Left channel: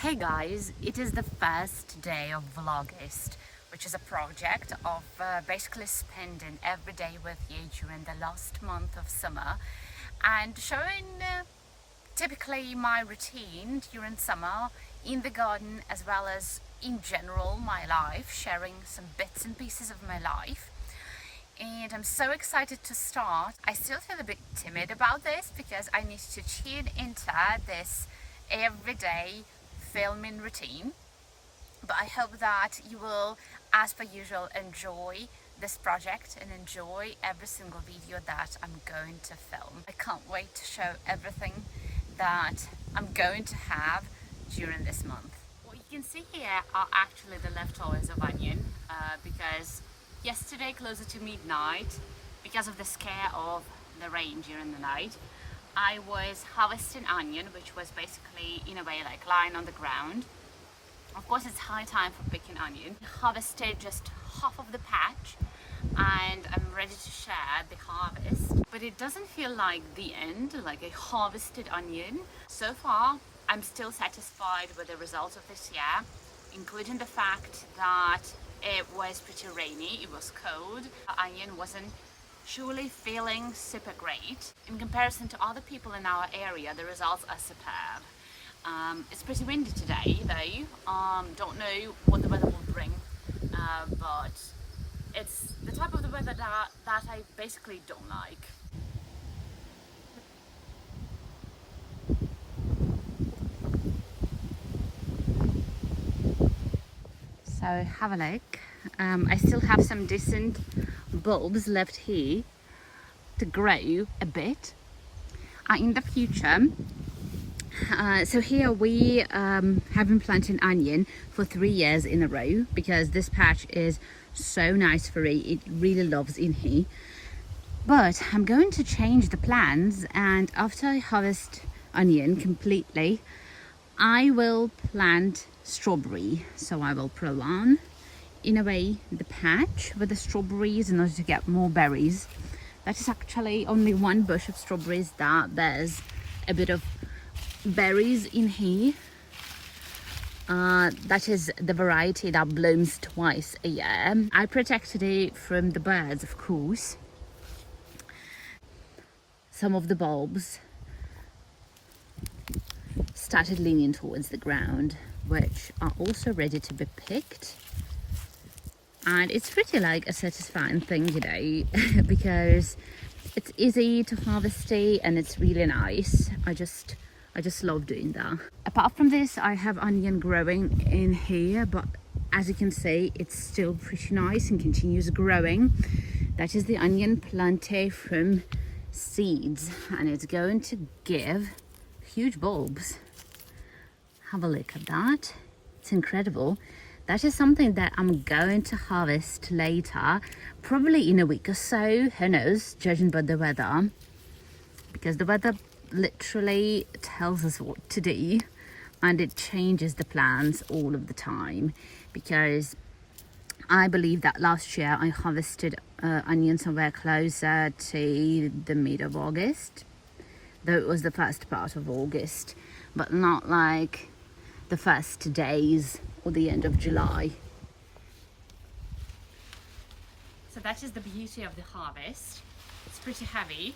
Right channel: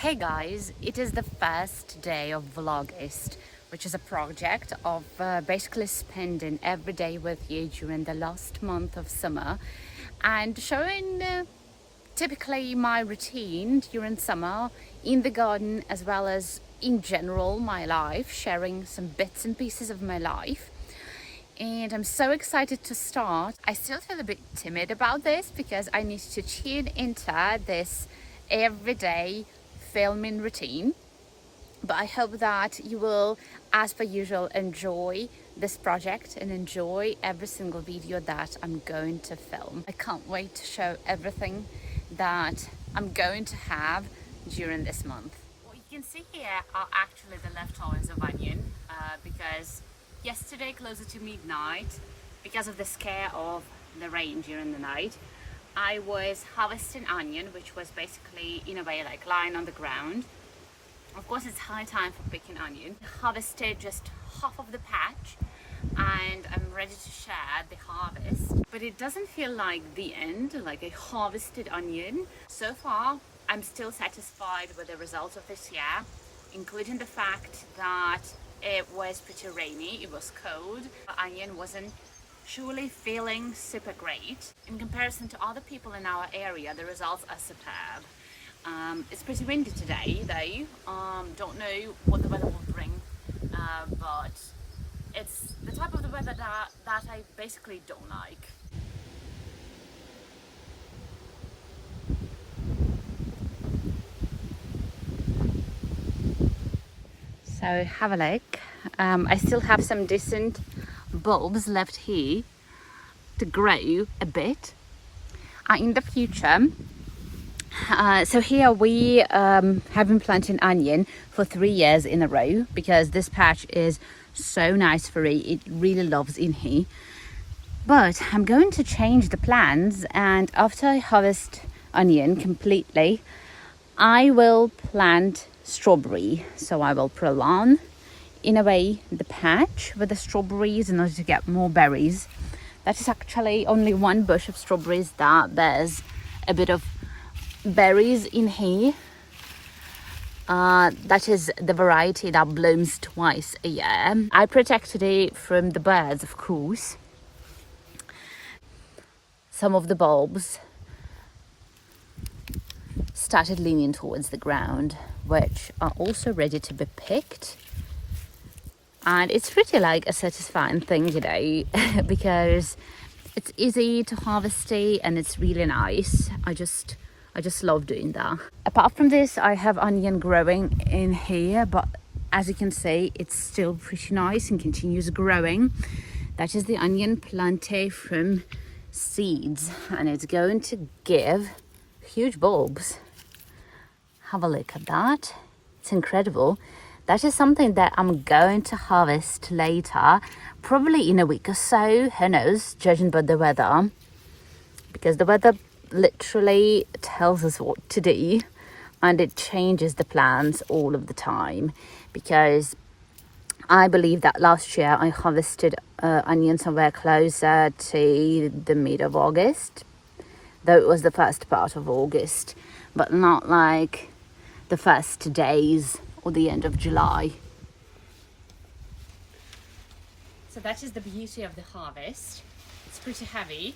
Hey guys, it is the first day of Vlogust, which is a project of basically spending every day with you during the last month of summer and showing typically my routine during summer in the garden as well as in general my life, sharing some bits and pieces of my life. And I'm so excited to start. I still feel a bit timid about this because I need to tune into this everyday filming routine, but I hope that you will, as per usual, enjoy this project and enjoy every single video that I'm going to film. I can't wait to show everything that I'm going to have during this month. What you can see here are actually the leftovers of onion because yesterday closer to midnight, because of the scare of the rain during the night, I was harvesting onion, which was basically in a way like lying on the ground. Of course, it's high time for picking onion. Harvested just half of the patch and I'm ready to share the harvest. But it doesn't feel like the end, like a harvested onion. So far, I'm still satisfied with the results of this year, including the fact that it was pretty rainy, it was cold, the onion wasn't truly feeling super great. In comparison to other people in our area, the results are superb. It's pretty windy today though. Don't know what the weather will bring, but it's the type of the weather that I basically don't like. So have a look. I still have some decent bulbs left here to grow a bit in the future. So here we have been planting onion for 3 years in a row because this patch is so nice for it really loves in here. But I'm going to change the plans, and after I harvest onion completely, I will plant strawberry. So I will prolong in a way the patch with the strawberries in order to get more berries. That is actually only one bush of strawberries that bears a bit of berries in here. That is the variety that blooms twice a year. I protected it from the birds, of course. Some of the bulbs started leaning towards the ground, which are also ready to be picked. And it's pretty like a satisfying thing today because it's easy to harvest it and it's really nice. I just love doing that. Apart from this, I have onion growing in here, but as you can see, it's still pretty nice and continues growing. That is the onion planted from seeds, and it's going to give huge bulbs. Have a look at that. It's incredible. That is something that I'm going to harvest later, probably in a week or so, who knows, judging by the weather, because the weather literally tells us what to do and it changes the plans all of the time. Because I believe that last year I harvested onion somewhere closer to the mid of August, though it was the first part of August, but not like the first days or the end of July. So that is the beauty of the harvest. It's pretty heavy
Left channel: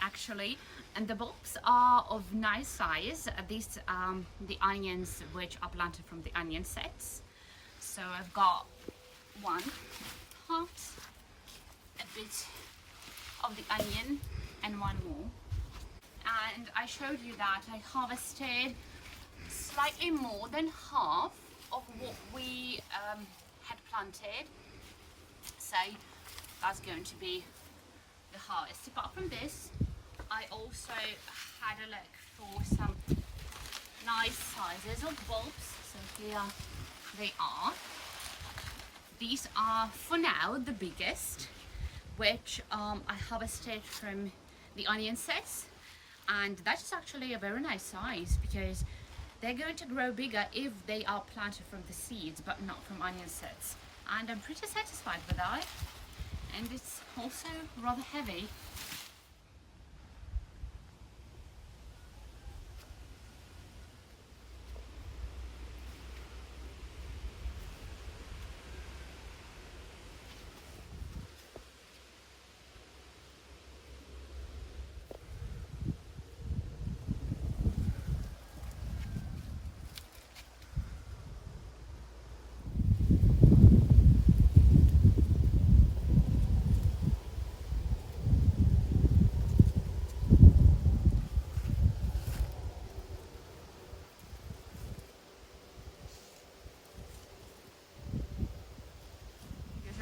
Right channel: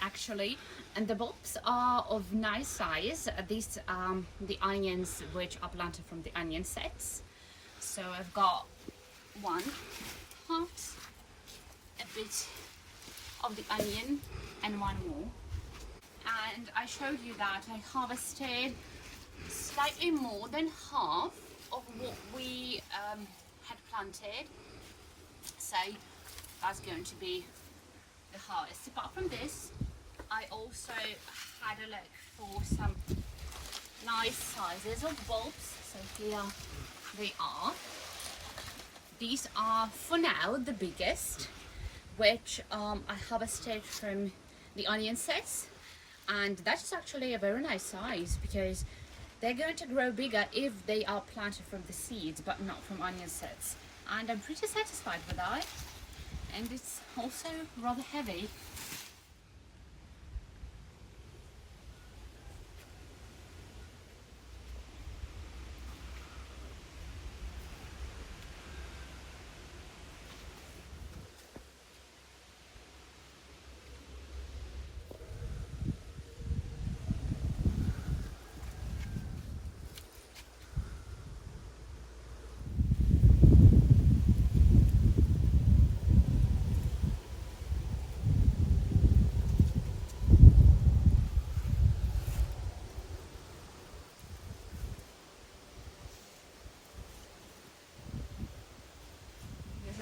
actually, and the bulbs are of nice size. These the onions which are planted from the onion sets. So I've got one part, a bit of the onion and one more. And I showed you that I harvested slightly more than half of what we had planted. So that's going to be the harvest. Apart from this, I also had a look for some nice sizes of bulbs. So here they are. These are for now the biggest, which I harvested from the onion sets, and that is actually a very nice size because they're going to grow bigger if they are planted from the seeds but not from onion sets, and I'm pretty satisfied with that. And it's also rather heavy.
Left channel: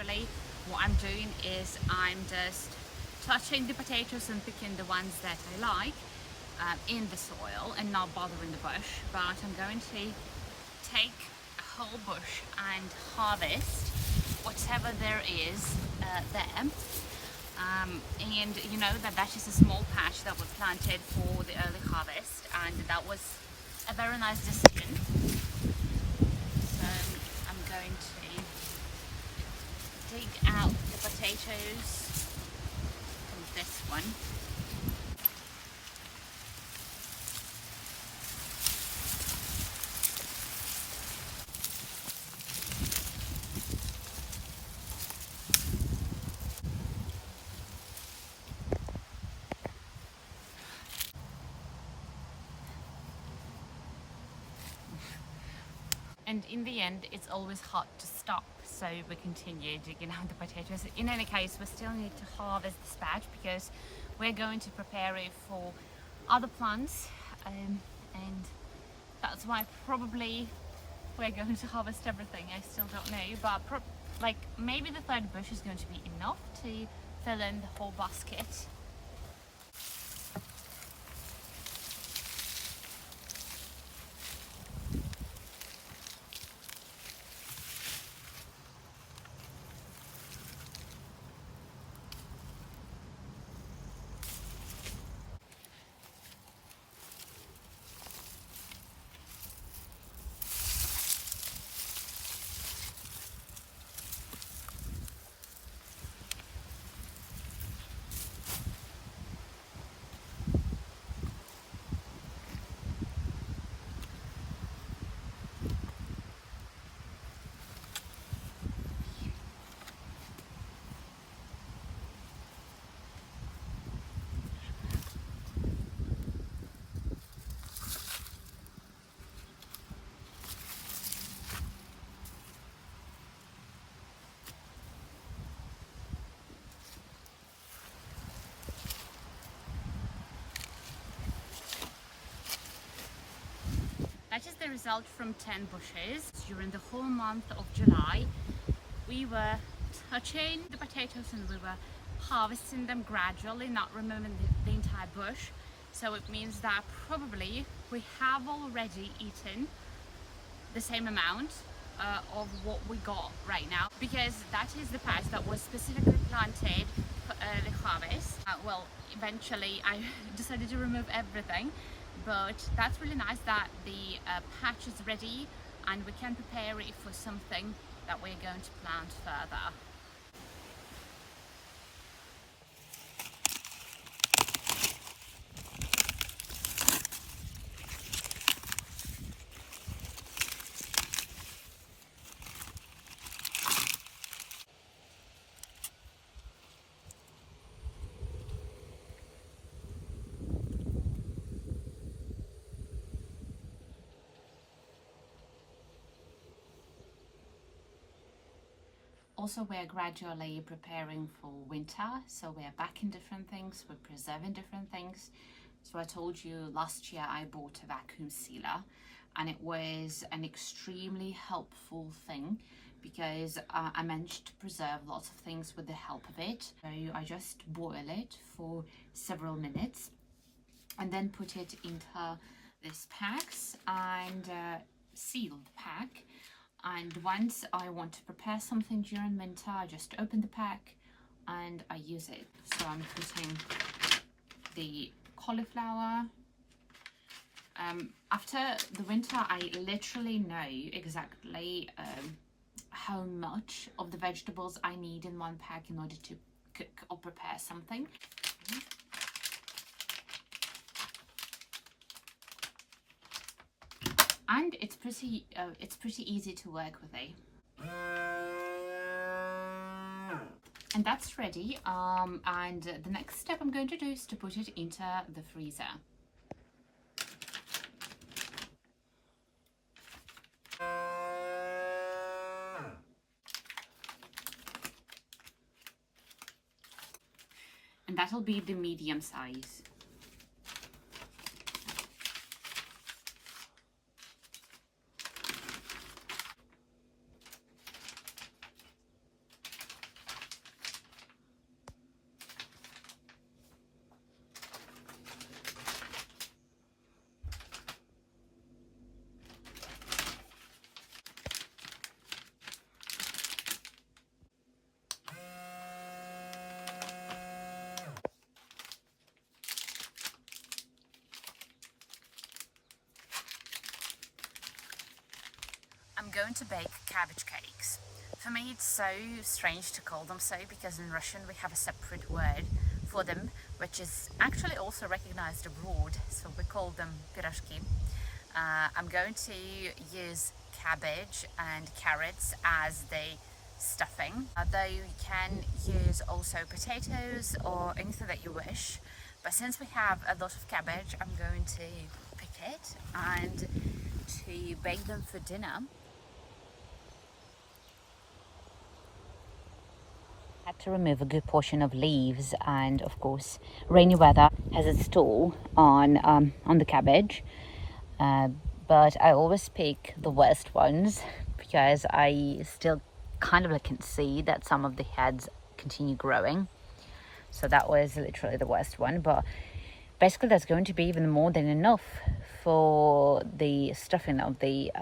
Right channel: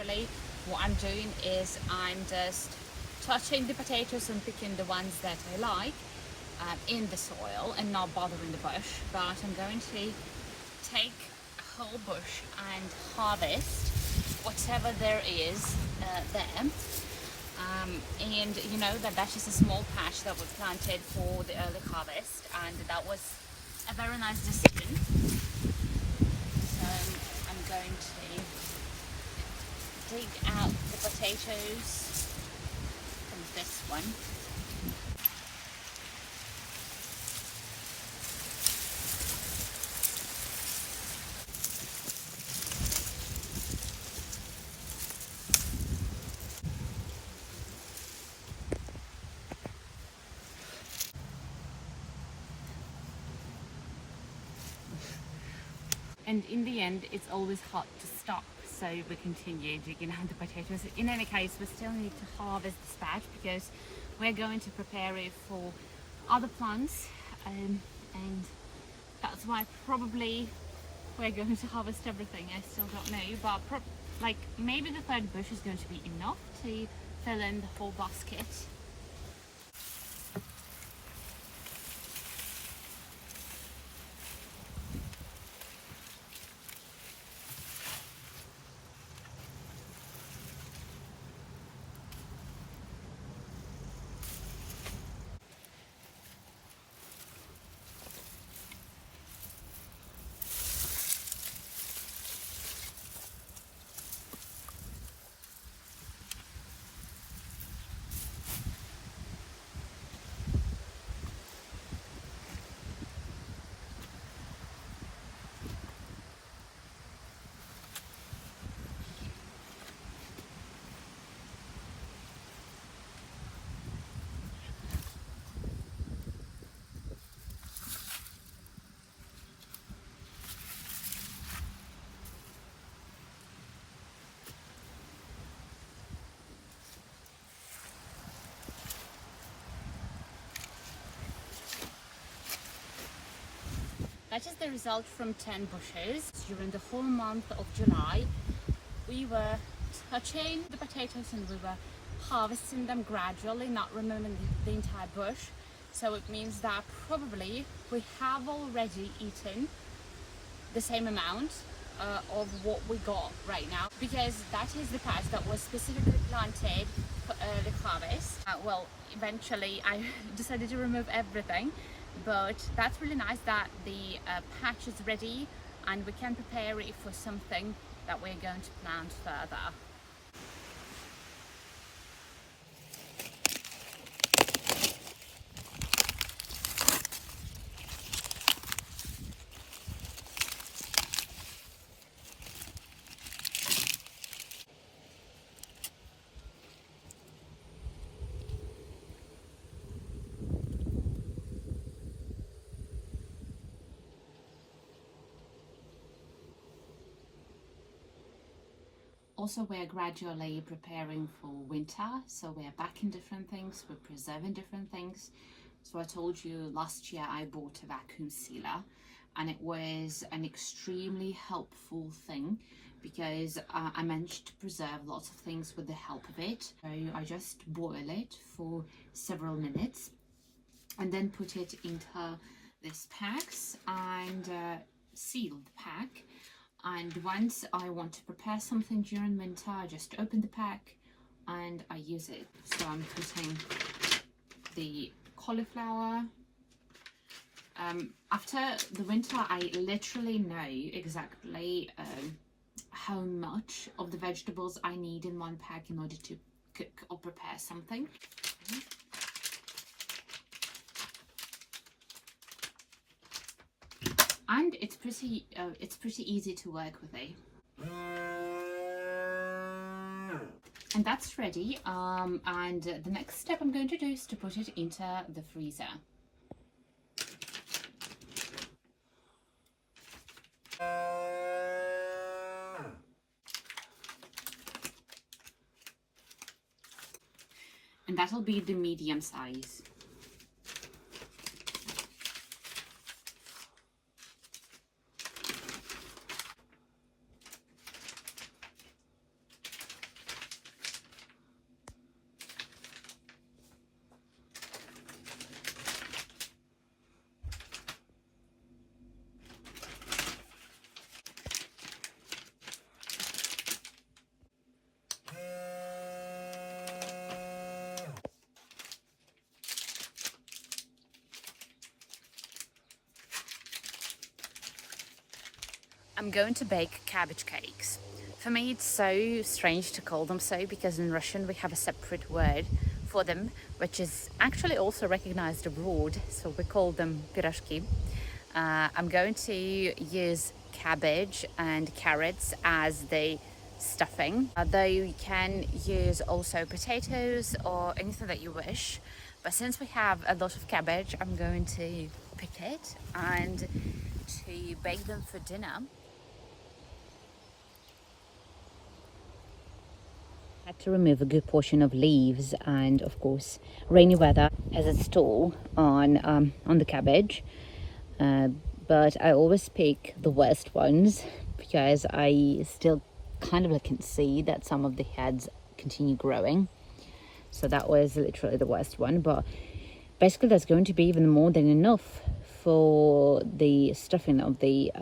literally what I'm doing is I'm just touching the potatoes and picking the ones that I like in the soil and not bothering the bush. But I'm going to take a whole bush and harvest whatever there is there. And you know that's just a small patch that was planted for the early harvest, and that was a very nice decision. So I'm going to dig out the potatoes from this one. And in the end, it's always hard to stop, so we continue digging out the potatoes. In any case, we still need to harvest this patch because we're going to prepare it for other plants, and that's why probably we're going to harvest everything. I still don't know, but like maybe the third bush is going to be enough to fill in the whole basket. That is the result from 10 bushes. During the whole month of July, we were touching the potatoes and we were harvesting them gradually, not removing the entire bush. So it means that probably we have already eaten the same amount of what we got right now, because that is the patch that was specifically planted for early harvest. Well, eventually I decided to remove everything, but that's really nice that the patch is ready and we can prepare it for something that we're going to plant further. Also, we're gradually preparing for winter, so we're backing different things, we're preserving different things. So I told you last year I bought a vacuum sealer, and it was an extremely helpful thing because I managed to preserve lots of things with the help of it. So I just boil it for several minutes and then put it into this packs and seal the pack. And once I want to prepare something during winter, I just open the pack and I use it. So I'm putting the cauliflower. After the winter, I literally know exactly how much of the vegetables I need in one pack in order to cook or prepare something. And it's pretty easy to work with, eh? And that's ready. And the next step I'm going to do is to put it into the freezer. And that'll be the medium size. I'm going to bake cabbage cakes. For me, it's so strange to call them so because in Russian we have a separate word for them, which is actually also recognized abroad. So we call them pirashki. I'm going to use cabbage and carrots as the stuffing, though you can use also potatoes or anything that you wish. But since we have a lot of cabbage, I'm going to pick it and to bake them for dinner. Had to remove a good portion of leaves, and of course rainy weather has its toll on the cabbage, but I always pick the worst ones because I still kind of can see that some of the heads continue growing. So that was literally the worst one, but basically that's going to be even more than enough for the stuffing of the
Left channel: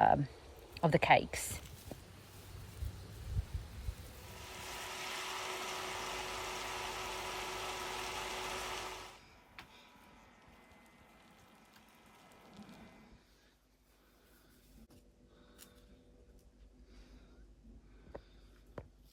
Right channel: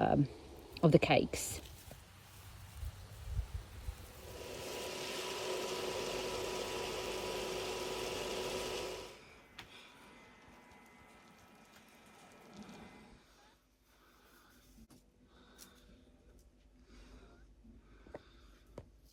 cakes.